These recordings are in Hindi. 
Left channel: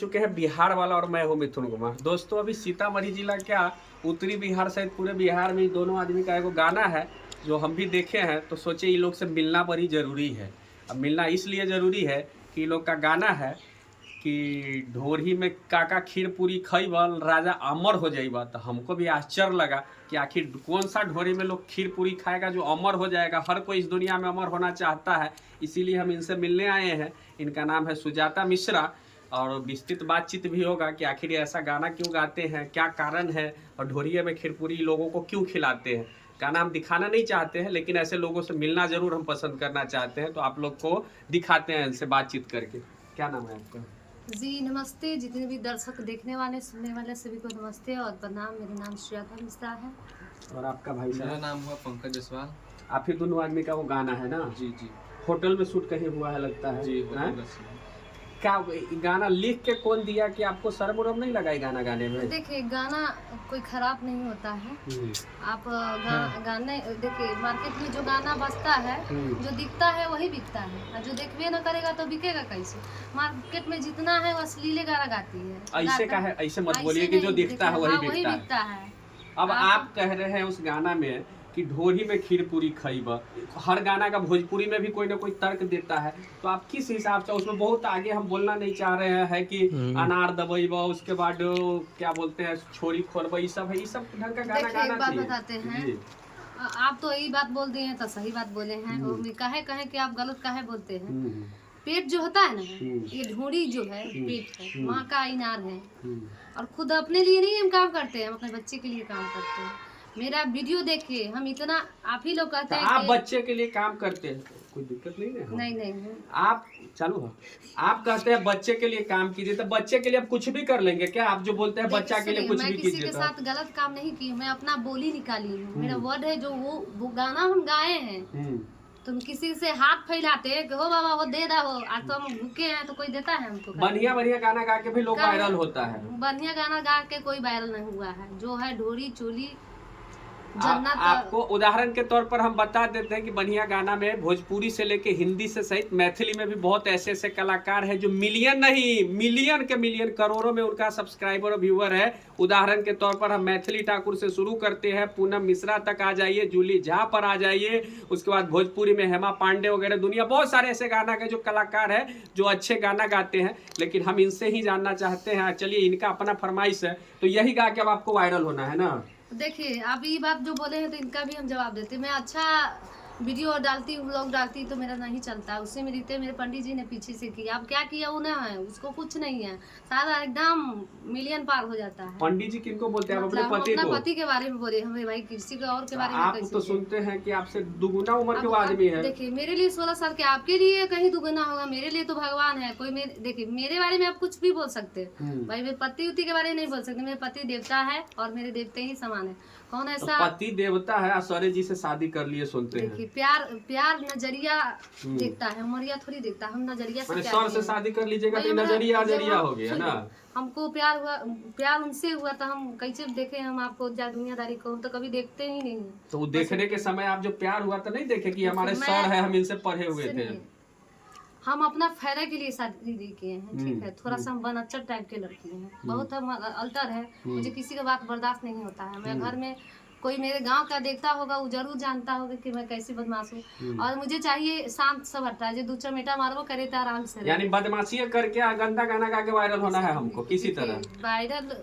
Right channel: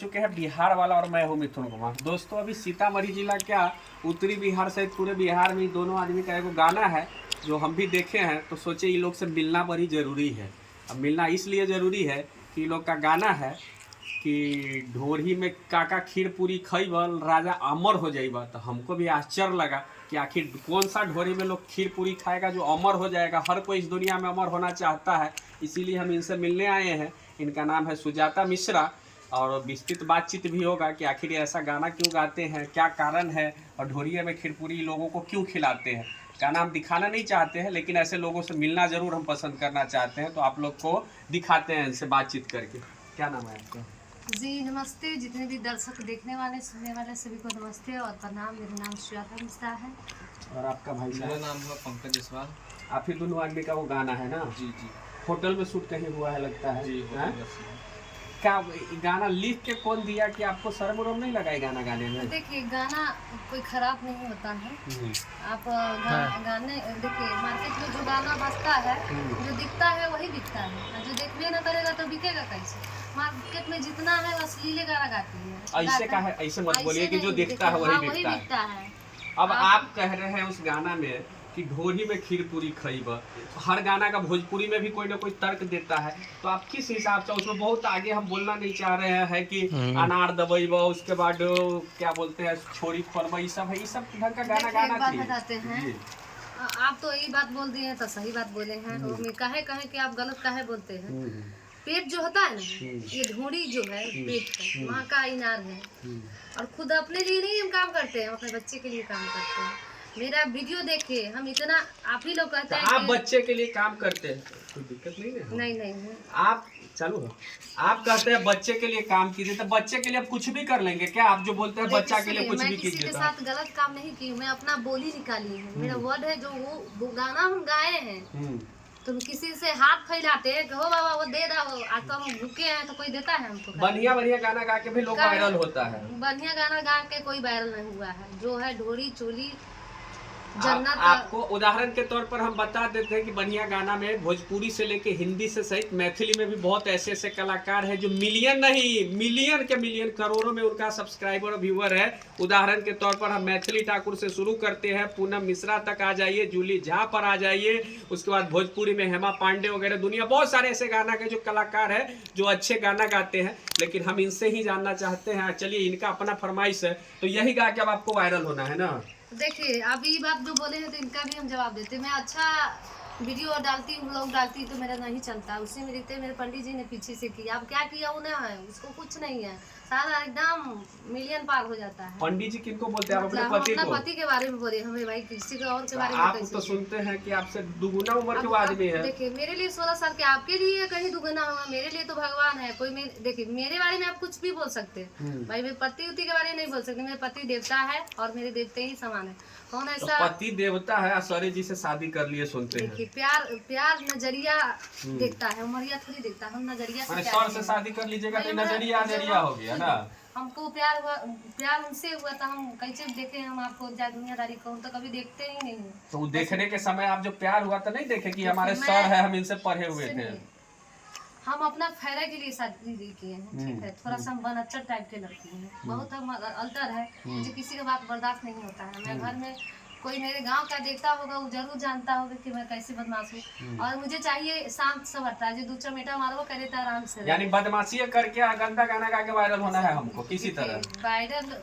चुके हैं बिहार वाला और मैं हूं मिथुन कुमार। दोस्तों अभी सीतामढ़ी जिला क्या उत्तरी बिहार सहित पूरे बिहार में दोनों आदमी का एक गाना है जो हम भी देखे हैं, तो सोचे इन लोग से मिलना बड़ी ज़रूरी है। अब मिलना इसलिए ज़रूरी है कि इन लोग का गाना है कि ढोरी में काका खीर पूरी खइबल राजा अमर हो जाइबा। तो हमको भी आश्चर्य लगा कि आखिर कौन सा ढोरी में लोग खीर पूरी खाएगा जो अमर हो जाएगा। हर कोई इस दुनिया में अमर होना चाहता है, इसीलिए हम इनसे मिलने आए हैं। इनका नाम है सुजाता मिश्रा और विस्तृत बातचीत भी होगा कि आखिर ऐसा गाना क्यों गाते हैं, क्या कारण है और ढोरिया में खीरपूरी लोगों को क्यों खिलाते हैं। गाना हम दिखाना नहीं चाहते हैं, लेकिन ऐसे लोगों से मिलना ज़रूर हम पसंद करना चाहते हैं, तो आप लोग को दिखाते हैं इनसे बातचीत करके। क्या नाम है आपका? जी नमस्ते, जितने भी दर्शक देखने वाले सुनने वाले सभी को नमस्ते और प्रणाम। मेरा नाम सुजाता मिश्रा है। और आपका भाई साहब? मेरा नाम हुआ पंकज जायसवाल। आप ही दोनों आदमी का वो गाना है ना? जी जी। होटल में शूट कहीं हुआ है लगता है जी क्या गाना लिख के कौन दिया कि आपको शर्म उर्म नहीं लगा गाना गाने में? देखिए गाना कोई खराब नहीं होता है। आप गाने देखिए, मार्केट में जो गाना बजता है जो दिखता है वही बिकता है, और जो देखबे न करेगा तो बिकेगा कैसे। मार्केट में जितना है अश्लील गाना गाती है। ऐसे का है, ऐसे मत बोलिए कि जो दिखता है वही बिकता है। अब आप कह रहे हैं उस गाना में कि ढोरी में खीर पूरी खइबा। हर गाना का भोजपुरी में भी कोई ना कोई तर्क देता है, तो आप किस हिसाब से उसमें बहुत आगे हम बोलना नहीं चाह रहे हैं कि अनार दबइबा, उसके बाद क्या बोलते हैं छोरी खोलबा, ये सब है, ये सब ढंग का गाना गाना बात बताते हैं। आप तो यही बात बोल दिए हैं तो सही बात बोले हैं। कहे कि आप गलत काहे बोलते हैं। पेट जो होता है ना, ये ढोरी जो है पेट है, माँ का इनार है। और खुद अपने लिए नहीं हम काम करते हैं, अपने बच्चे के लिए काम करते हैं। मेरा वीडियो देखिए, हम इतना आप ही लोग कहते हैं आप बच्चे के लिए काम करते हैं, कोई दिक्कत नहीं है। नहीं आप चलो आप कहते हैं बच्चे के लिए काम कीजिए, तो बच्चे के लिए आप कुछ भी कर लेंगे क्या? आप जो बोलते हैं बच्चा के लिए कुछ भी कीजिए। किसी के साथ गलत काम नहीं की, मैं अपना बोली निकाली हूँ। मेरा वर्ड है जो वो गाना हम गाए हैं। तुम किसी से हाथ फैलाते हैं कि हो बाबा वो दे दो, आज तो हम भूखे हैं तो कोई देता है हमको? बढ़िया बढ़िया गाना गा के भी लोग वायरल होता है। बढ़िया गाना गा के कोई वायरल नहीं हुआ है। जो है ढोरी चोली आपको उदाहरण के तौर पर हम बता देते हैं कि बढ़िया गाना में भोजपुरी से लेके हिंदी से सहित मैथिली में भी बहुत ऐसे ऐसे कलाकार हैं जो मिलियन नहीं मिलियन के मिलियन करोड़ों में उनका सब्सक्राइबर और व्यूअर है। उदाहरण के तौर पर हम मैथिली ठाकुर से शुरू करते हैं, पूनम मिश्रा तक आ जाइए, जूली झा पर आ जाइए, उसके बाद भोजपुरी में हेमा पांडे वगैरह, दुनिया बहुत सारे ऐसे गाना के जो कलाकार है जो अच्छे गाना गाते हैं। लेकिन हम इनसे ही जानना चाहते हैं, चलिए इनका अपना फरमाइश है, तो यही गा के अब आपको वायरल होना है ना। देखिए आप ये बात जो बोले हैं तो इनका भी हम जवाब देते हैं। मैं अच्छा वीडियो डालती हूँ, ब्लॉग डालती तो मेरा नहीं चलता। उससे मेरे पंडित जी ने पीछे से किया। अब क्या किया वो ना है, उसको कुछ नहीं है, सारा एकदम मिलियन पार हो जाता है। पंडित जी किनको बोलते हैं? आप अपने पति को? पति के बारे में बोले हमें, भाई किसी का और के बारे में आप तो सुनते हैं कि आपसे दुगुना उम्र के आदमी है। देखिए मेरे लिए 16 साल के, आपके लिए कहीं दुगुना होगा, मेरे लिए तो भगवान है। कोई देखिए मेरे बारे में आप कुछ भी बोल सकते हैं भाई, मेरे पति उति के बारे में नहीं बोल सकते। मेरे पति देवता है और मेरे देवते ही समान है। कौन ऐसा पति देवता है? सौर्य जी से शादी कर लिए सुनते हैं। देखिए प्यार नजरिया देखता है, उमरिया थोड़ी देखता है। हम नजरिया से शादी कर लीजिएगा तो नजरिया हो गया ना। हमको प्यार उनसे हुआ तो हम कैसे देखे? हम आपको दुनियादारी को तो कभी देखते ही नहीं। तो वो देखने के समय आप जो प्यार हुआ तो नहीं देखे कि हमारे सर है, हम इनसे पढ़े हुए थे। हम अपना फायदा के लिए शादी किए हैं, ठीक है। थोड़ा सा हम बनच्चर टाइप के लड़की हैं, बहुत हम अल्टर है। मुझे किसी का बात बर्दाश्त नहीं होता है। मैं घर में कोई मेरे गांव का देखता होगा वो जरूर जानता होगा कि मैं कैसी बदमाश हूँ। और मुझे चाहिए शांत सवरता, जो दो चमेटा मारो करे तो आराम से। यानी बदमाशी करके गंदा गाना गा के वायरल होना है हमको किसी तरह। वायरल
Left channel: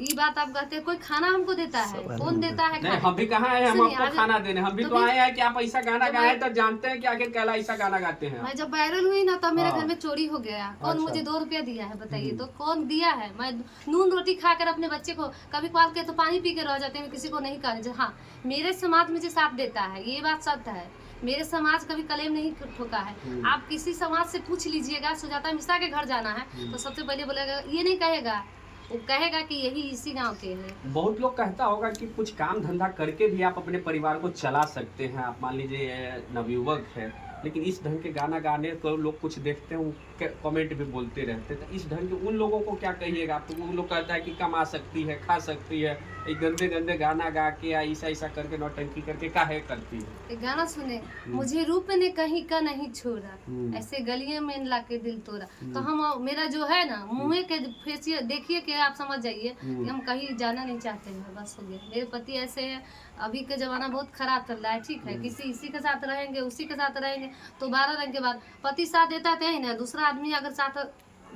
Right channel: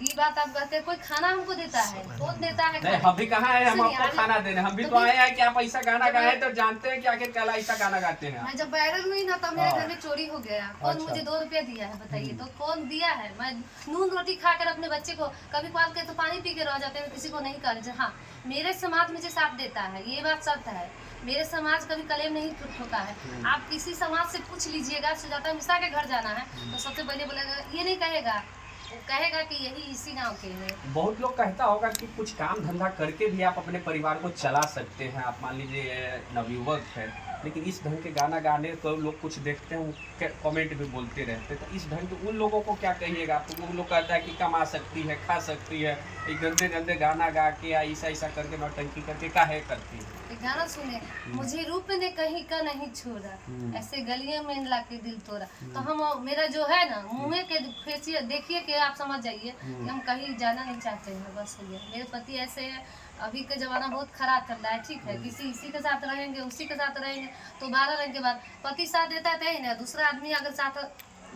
ये बात आप कहते हैं, कोई खाना हमको देता है? कौन देता है? नहीं, हम भी कहाँ है हम आपको खाना देने, हम भी तो आए हैं कि आप ऐसा गाना गाए तो जानते हैं कि आखिर कैला ऐसा गाना गाते हैं। मैं जब वायरल हुई ना तब मेरे घर में चोरी हो गया। कौन मुझे 2 रुपया दिया है बताइए? तो कौन दिया है? मैं नून रोटी खाकर अपने बच्चे को कभी पाल के तो पानी पी के रह जाते हैं, किसी को नहीं कहने। हाँ, मेरे समाज मुझे साथ देता है, ये बात सत्य है। मेरे समाज कभी कलेम नहीं ठोका है। आप किसी समाज से पूछ लीजिएगा, सुजाता मिश्रा के घर जाना है तो सबसे पहले बोलेगा, ये नहीं कहेगा, वो कहेगा कि यही इसी गांव के हैं। बहुत लोग कहता होगा कि कुछ काम धंधा करके भी आप अपने परिवार को चला सकते हैं। आप मान लीजिए नवयुवक है लेकिन इस ढंग के गाना गाने को लोग कुछ देखते हैं, कमेंट भी बोलते रहते हैं, तो इस ढंग के उन लोगों को क्या कहिएगा आप? उन लोग कहता है कि कमा सकती है, खा सकती है, एक गंदे गंदे गाना गा के या ऐसा ऐसा करके नौटंकी करके काहे करती है? एक गाना सुने, मुझे रूप ने कहीं का नहीं छोड़ा, ऐसे गलियों में ला के दिल तोड़ा। तो हम, मेरा जो है ना मुँह के फेसियल देखिए कि आप समझ जाइए कि हम कहीं जाना नहीं चाहते हैं, बस हो गया। मेरे पति ऐसे हैं, अभी का जमाना बहुत खराब चल रहा है, ठीक है, इसी के साथ रहेंगे, उसी के साथ रहेंगे तो 12 रंग के बाद पति साथ देता है ना, दूसरा आदमी अगर साथ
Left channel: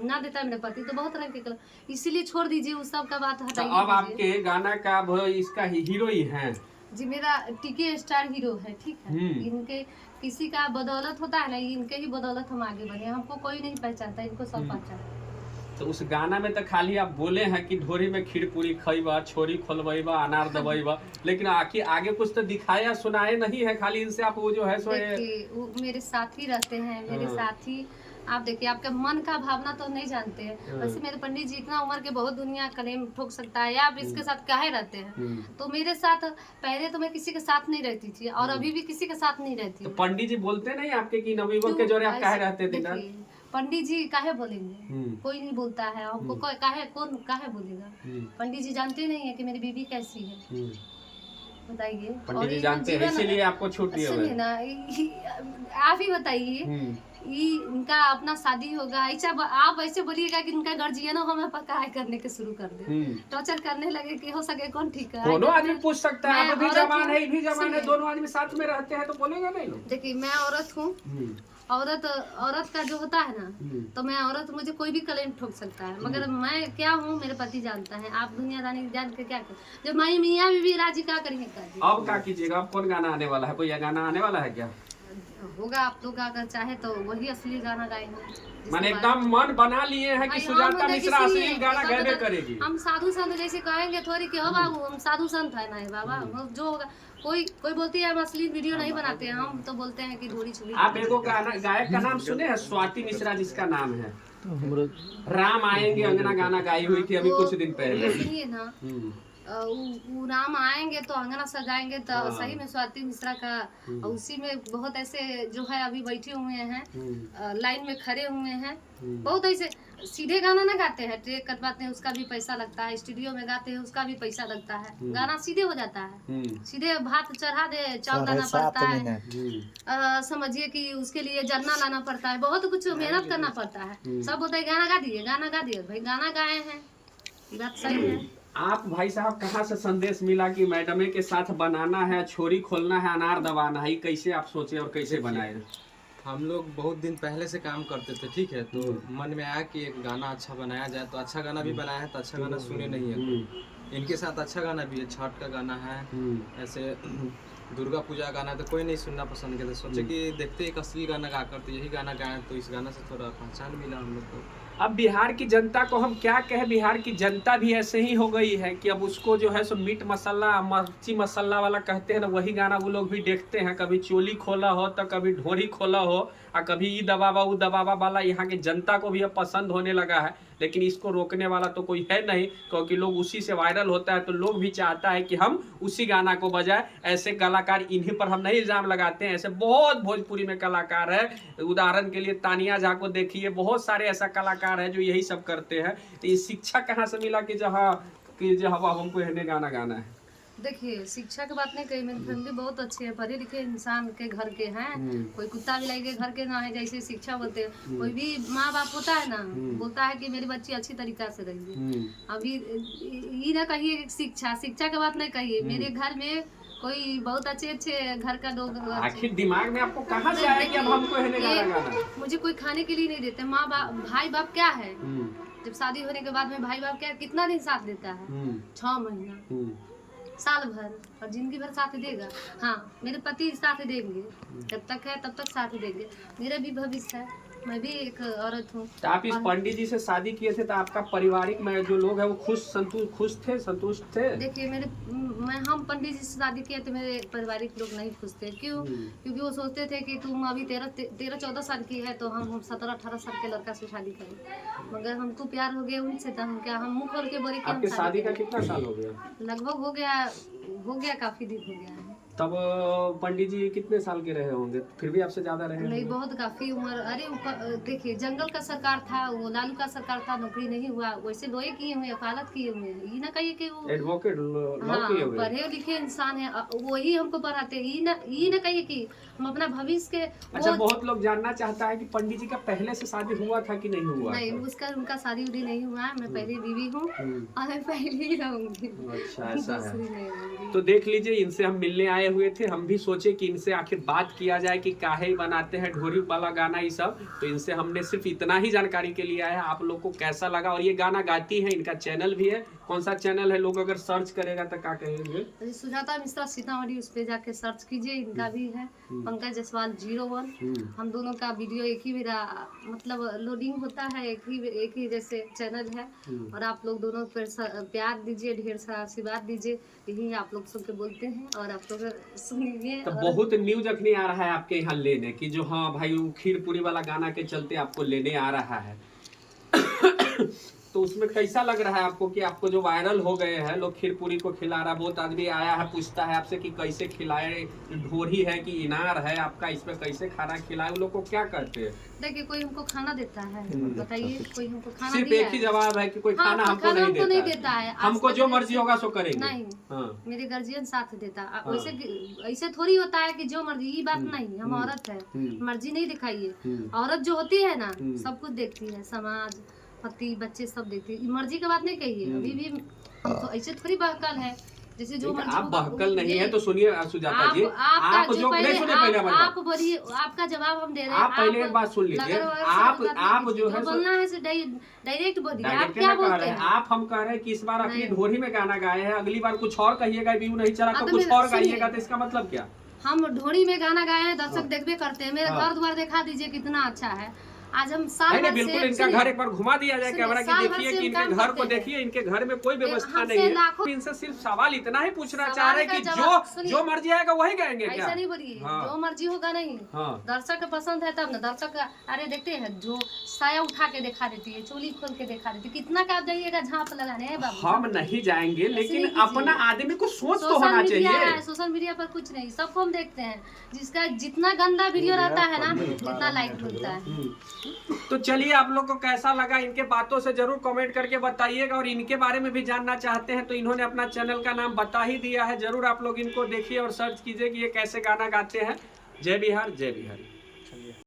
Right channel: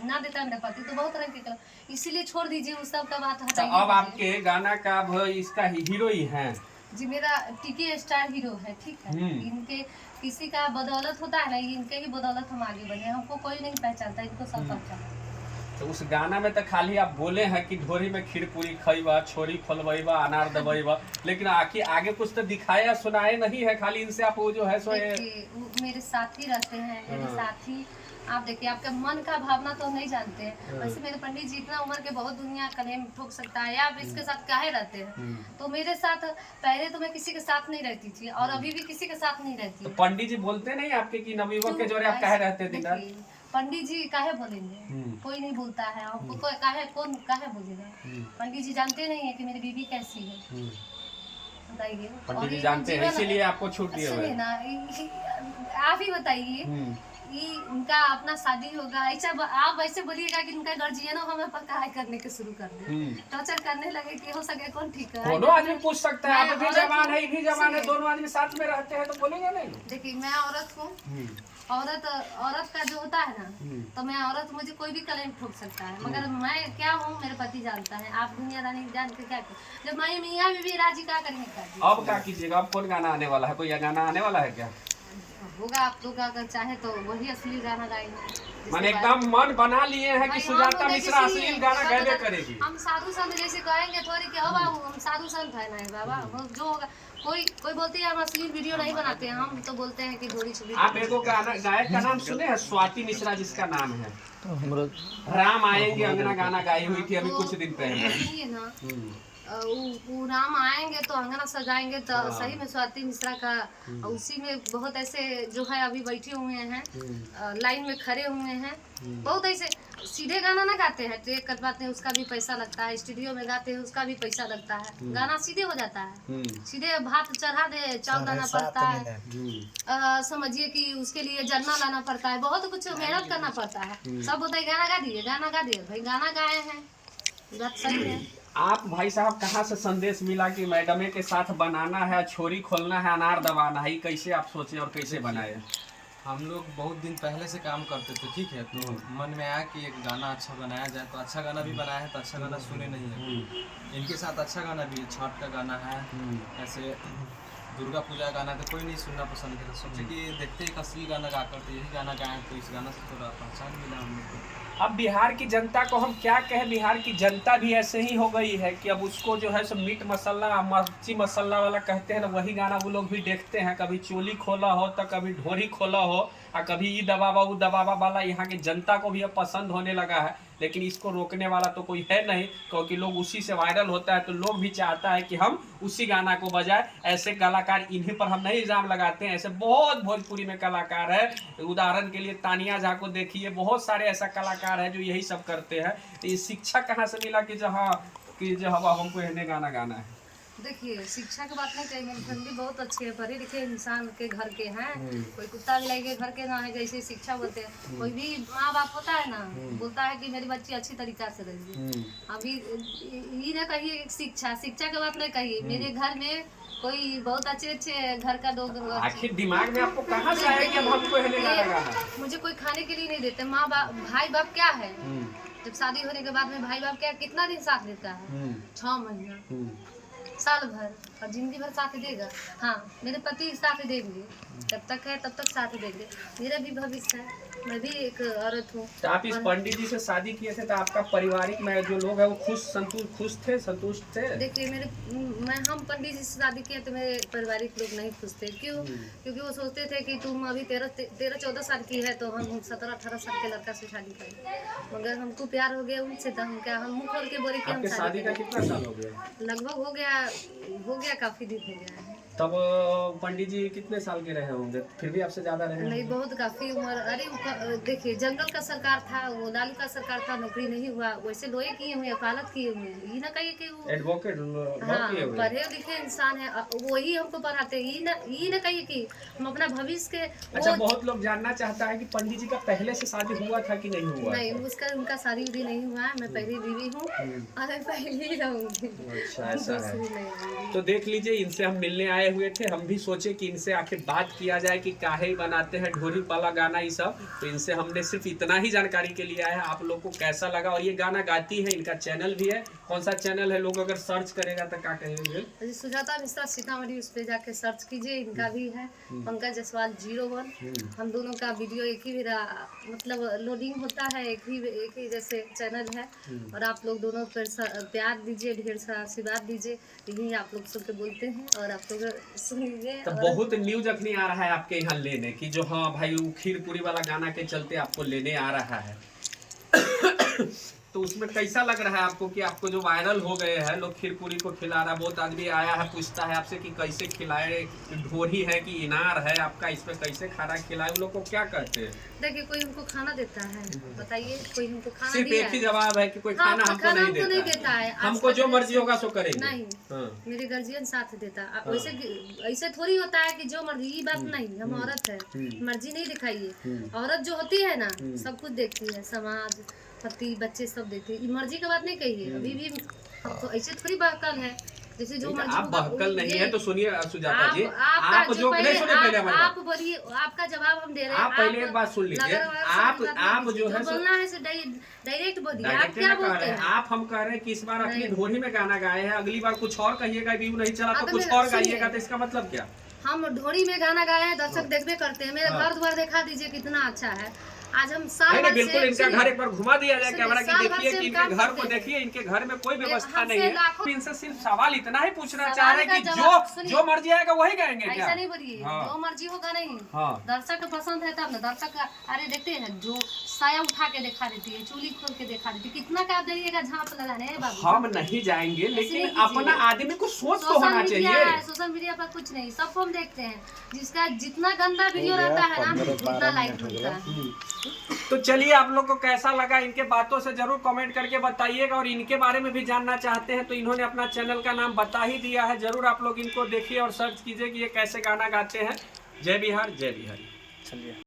ना देता है मेरा पति तो बहुत रंग के कलर, इसीलिए छोड़ दीजिए उस सब का बात तो हटाइए। अब आपके गाना का इसका हीरो ही है जी, मेरा टीके स्टार हीरो है, ठीक है। इनके किसी का बदौलत होता है ना, इनके ही बदौलत हम आगे बढ़े, हमको कोई नहीं पहचानता, इनको सब पहचानता। तो उस गाना में तो खाली आप बोले हैं कि ढोरी में खीर पूरी खइबा, छोरी खोलबा, अनार दबैबा, लेकिन आगे कुछ तो दिखाया सुनाए नहीं है, खाली इनसे आप वो जो है सो वो मेरे साथी रहते हैं, मेरे साथी। आप देखिए, आपका मन का भावना तो नहीं जानते हैं, वैसे मेरे पंडित जी इतना उम्र के बहुत दुनिया कलेम ठोक सकता है, आप इसके साथ काहे रहते हैं? तो मेरे साथ पहले तो मैं किसी के साथ नहीं रहती थी और अभी भी किसी के साथ नहीं रहती। तो पंडित जी बोलते नहीं आपके कि नवयुवक के जोरे आप काहे रहते थे? पंडित जी काहे बोलेंगे? कोई नहीं बोलता है हमको, कौन काहे बोलेगा? पंडित जी जानते नहीं है कि मेरी बीवी कैसी है, बताइए। पंडित जी जानते हैं, इसीलिए आपको छूट दिया है ना। आप ही बताइए, इनका अपना शादी होगा, ऐसा आप ऐसे बोलिएगा कि इनका गार्जियन हमें पकाए करने के शुरू कर दे, टॉर्चर करने लगे कि हो सके कौन ठीक है? दोनों आदमी पूछ सकता है, आप भी जवान है, भी जवान है, दोनों आदमी साथ में रहते हैं तो बोलेंगे नहीं लोग? देखिए, मैं औरत हूँ, औरत का जो होता है ना, तो मैं औरत, मुझे कोई भी कलेम ठोक सकता है, मगर मैं क्या हूँ मेरे पति जानता है। आप दुनिया रानी जान के क्या कर, जब मैं मियाँ बीवी राजी क्या करेंगे? अब क्या कीजिएगा? अब कौन गाना आने वाला है? कोई गाना आने वाला है क्या? होगा, आप लोग अगर चाहे तो वही असली गाना गाएंगे। मैंने एकदम मन बना लिए हैं कि सुजाता मिश्रा असली गाना गाने करेगी। हम साधु संत जैसे कहेंगे थोड़ी कि बाबू हम साधु संत है ना बाबा, जो होगा कोई बोलती है हम असली वीडियो नहीं बनाते हैं, हम तो बोलते हैं कि थोड़ी सी। आप एगो गायक का नाम सुने हैं, स्वाति मिश्रा जिसका नाम है, राम आएंगे अंगना गाना गाई हुई थी अभी कुछ दिन पहले ना। वो राम आएंगे तो अंगना सजाएंगे, तो सही में स्वाति मिश्रा का, उसी में बहुत ऐसे जो है अभी बैठे हुए हैं, लाइन में खड़े हुए हैं, बहुत ऐसे सीधे गाना ना गाते हैं, ट्रेक कटवाते हैं उसका भी पैसा लगता है, स्टूडियो में गाते हैं उसका भी पैसा लगता है, गाना सीधे हो जाता है, सीधे भात चढ़ा दे, चावल लाना पड़ता है, समझिए कि उसके लिए जन्ना लाना पड़ता है, बहुत कुछ मेहनत करना पड़ता है। सब बोलते हैं गाना गा दिए, भाई गाना गाए हैं, बात सही है। आप भाई साहब कहाँ से संदेश मिला कि मैडमे के साथ बनाना है, छोरी खोलना है, अनार दबाना है, कैसे आप सोचे और कैसे बनाए? हम लोग बहुत दिन पहले से काम करते थे, ठीक है, तो मन में आया कि एक गाना अच्छा बनाया जाए, तो अच्छा गाना भी बनाया है, तो अच्छा गाना सुने नहीं है, इनके साथ अच्छा गाना भी है, छठ का गाना है, ऐसे दुर्गा पूजा गाना तो कोई नहीं सुनना पसंद किया, तो सोचे कि देखते एक असली गाना गा कर, तो यही गाना गाए, तो इस गाना से थोड़ा पहचान मिला हम लोग को। अब बिहार की जनता को हम क्या कहें, बिहार की जनता भी ऐसे ही हो गई है कि अब उसको जो है सो मीट मसाला, मिर्ची मसाला वाला कहते हैं ना, वही गाना वो लोग भी देखते हैं, कभी चोली खोला हो तो कभी ढोरी खोला हो, और कभी ई दबावा वो दबावा वाला यहाँ की जनता को भी अब पसंद होने लगा है। लेकिन इसको रोकने वाला तो कोई है नहीं, क्योंकि लोग उसी से वायरल होता है, तो लोग भी चाहता है कि हम उसी गाना को बजाए। ऐसे कलाकार, इन्हीं पर हम नहीं इल्ज़ाम लगाते हैं, ऐसे बहुत भोजपुरी में कलाकार है, उदाहरण के लिए तानिया झा को देखिए, बहुत सारे ऐसा कलाकार है जो यही सब करते हैं। तो ये शिक्षा कहाँ से मिला कि जो हमको हिंदी गाना गाना है? देखिए, शिक्षा की बात नहीं कही, मेरी फैमिली बहुत अच्छी है, पढ़े लिखे इंसान के घर के हैं, कोई कुत्ता बिलाई के घर के ना है, जैसे शिक्षा बोलते हैं, कोई भी माँ बाप होता है ना, बोलता है कि मेरी बच्ची अच्छी तरीका से रही। अभी ये ना कहिए शिक्षा की बात नहीं कहिए, मेरे घर में कोई बहुत अच्छे घर का लोग, आखिर दिमाग में आपको कहाँ से आया कि अब हमको हिंदी गाना गाना है? मुझे कोई खाने के लिए नहीं देते, माँ बाप भाई बाप क्या है, जब शादी होने के बाद में भाई बाप क्या कितना दिन साथ देता है? 6 महीना, साल भर, और जिंदगी भर साथ देगा। हाँ, मेरे पति साथ देंगे, जब तक है तब तक साथ देंगे, मेरा भी भविष्य है, मैं भी एक औरत हूँ। तो आप इस पंडित जी से शादी किए थे, तो आपका पारिवारिक में जो लोग हैं वो संतुष्ट थे? देखिए, हम पंडित जी से शादी किए तो मेरे पारिवारिक लोग नहीं खुश थे। क्यों? क्योंकि वो सोचते थे कि तुम अभी 13-14 साल की है, तो हम 17-18 साल के लड़का से शादी करें, मगर हमको प्यार हो गया उनसे, तो हम मुँह खोल के बोले कि हम शादी का कितना साल हो गया? लगभग हो गया काफी दिन हो गया है। तब पंडित जी कितने साल के रहे होंगे, फिर भी आपसे ज्यादा रहे नहीं होंगे? बहुत काफी उम्र। अरे देखिए जनरल का सरकार था, वो लालू का सरकार था, नौकरी नहीं हुआ, वैसे लोहे किए हुए, वकालत किए हुए, ये ना कहिए कि वो एडवोकेट हाँ किए हुए? पढ़े लिखे इंसान है, वही हमको पढ़ाते, ये ना कहिए कि हम अपना भविष्य के अच्छा, बहुत लोग जानना चाहता है कि पंडित जी का पहले से शादी हुआ था कि नहीं हुआ नहीं, था? उसका उनका शादी उदी नहीं हुआ है, मैं पहली बीवी हूँ और मैं पहले ही रहूंगी, अच्छा, ऐसा है। दूसरी नहीं होंगी। तो देख लीजिए, इनसे हम मिलने आए हुए थे, हम भी सोचे कि इनसे आखिर बात किया जाए कि काहे ही बनाते हैं ढोरी वाला गाना ये सब। तो इनसे हमने सिर्फ इतना ही जानकारी के लिए आया है, आप लोग को कैसा लगा। और ये गाना गाती है, इनका चैनल भी है, कौन सा चैनल है, लोग अगर सर्च करेगा तो क्या कहेंगे? सुजाता मिश्रा सीतामढ़ी, उस पे जाके सर्च कीजिए, इनका भी है पंकज जायसवाल 01। हम दोनों का वीडियो एक ही मेरा मतलब लोडिंग होता है, एक ही जैसे चैनल है। और आप लोग दोनों पर प्यार दीजिए, ढेर सारा आशीर्वाद दीजिए, यही आप लोग सुन के बोलते हैं और आप लोग सुनिए। तो बहुत न्यूज अखनी आ रहा है आपके यहाँ लेने की, जो हाँ भाई वो खीर पूरी वाला गाना के चलते आपको लेने आ रहा है। तो उसमें कैसा लग रहा है आपको कि आपको जो वायरल हो गए हैं लोग, खीर पूरी को खिला रहा है, बहुत आदमी आया है पूछता है आपसे कि कैसे खिलाए, ढोरी है कि इनार है आपका, इसमें कैसे खाना खिलाए, उन लोग को क्या कहते हैं? देखिए कोई हमको खाना देता है, बताइए कोई हमको खाना सिर्फ दिया एक ही है? जवाब है कि कोई हाँ, खाना हमको खाना नहीं हमको नहीं देता देता है। हमको आज जो तक मर्जी होगा सो करेंगे। नहीं, हाँ। मेरे गार्जियन साथ देता। वैसे ऐसे थोड़ी होता है कि जो मर्जी, ये बात नहीं, हम औरत है, मर्जी नहीं दिखाइए। औरत जो होती है ना सब कुछ देखती है, समाज, पति, बच्चे सब देखते हैं, मर्जी की बात नहीं कहिए। अभी भी हम तो ऐसे थोड़ी बहकाल है, जैसे जो मर्जी आप बहकल नहीं है तो सुनिए सुजाता जी, आप जो नहीं सुने पहले हमारी आप बोलिए, आपका जवाब हम दे रहे हैं। आप पहले एक बात सुन लीजिए, आप जो है बोलना है डायरेक्ट बोलिए, आप डायरेक्ट क्या ना कह बोलते रहे हैं, हैं? आप हम कह रहे हैं कि इस बार अपनी ढोरी में गाना गाए हैं, अगली बार कुछ और कहिएगा, व्यू नहीं चला तो तो कुछ मैं- और सुनिए। गाइएगा, तो इसका मतलब क्या? हम ढोरी में गाना गाए हैं, दर्शक देखबे करते हैं, मेरे घर द्वार दिखा दीजिए कितना अच्छा है। आज हम साल नहीं भर से बिल्कुल, इनका सुनिए, घर एक बार घुमा दिया जाए सुनिए, कैमरा की, साल भर देखिए से कि हम इनके काम घर को करते हैं। देखिए, इनके घर में कोई व्यवस्था हमसे नहीं है। लाखों- इनसे सिर्फ सवाल इतना ही पूछना चाह रहे हैं कि सवाल का जो जवाब- सुनिए। जो मर्जी आएगा वही गाएंगे क्या? ऐसा नहीं बोलिए, हाँ। जो मर्जी होगा नहीं, हाँ। दर्शक को पसंद है तब ना। दर्शक अरे देखते हैं, जो साया उठा के दिखा देती है, चोली खोल के दिखा देती है, कितना क्या देइएगा झांप लगाने है बाबू। हम नहीं जाएंगे, लेकिन नहीं कीजिए। अपना आदमी को सोच तो सोशल होना मीडिया चाहिए। है, सोशल मीडिया पर कुछ नहीं, सबको हम देखते हैं, जिसका जितना गंदा वीडियो रहता है ना उतना लाइक मिलता है। तो चलिए, आप लोग को कैसा लगा इनके बातों से जरूर कमेंट करके बताइएगा। और इनके बारे में भी जानना चाहते हैं तो इन्होंने अपना चैनल का नाम बता ही दिया है, जरूर आप लोग इनको देखिए और सर्च कीजिए कि ये कैसे गाना गाते हैं। जय बिहार, जय बिहारी।